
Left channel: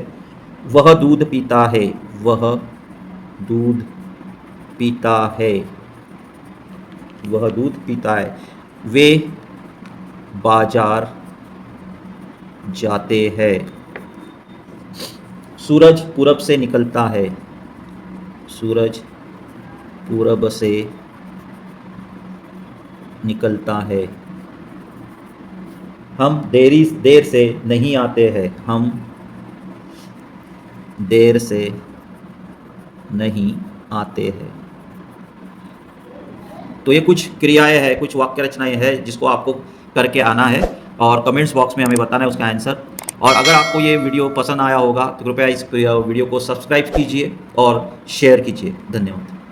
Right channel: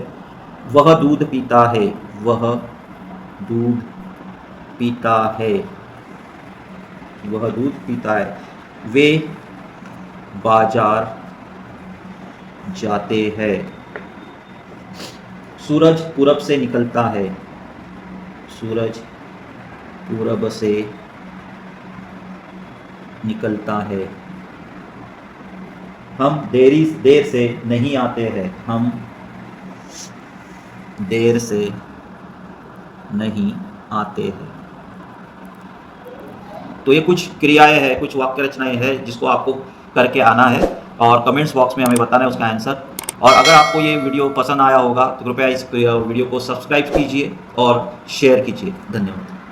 वह दूध पीता है, वह दूध पीता है, वह दूध पीता है। वे बाजार जाते हैं। सूरज पूरब से निकलता है, सूरज पूरब से निकलता है। हम देर से नहीं आते हैं, हम देर से नहीं आते हैं। तो ये कुछ क्रियाएं हैं, कुछ वाक्य रचनाएं हैं जिसको आपको करके आना है और कमेंट्स बॉक्स में हमें बताना है उसका आंसर। और अगर आपको ये वीडियो पसंद आया होगा तो कृपया इस वीडियो को सब्सक्राइब कीजिए और शेयर कीजिए। धन्यवाद।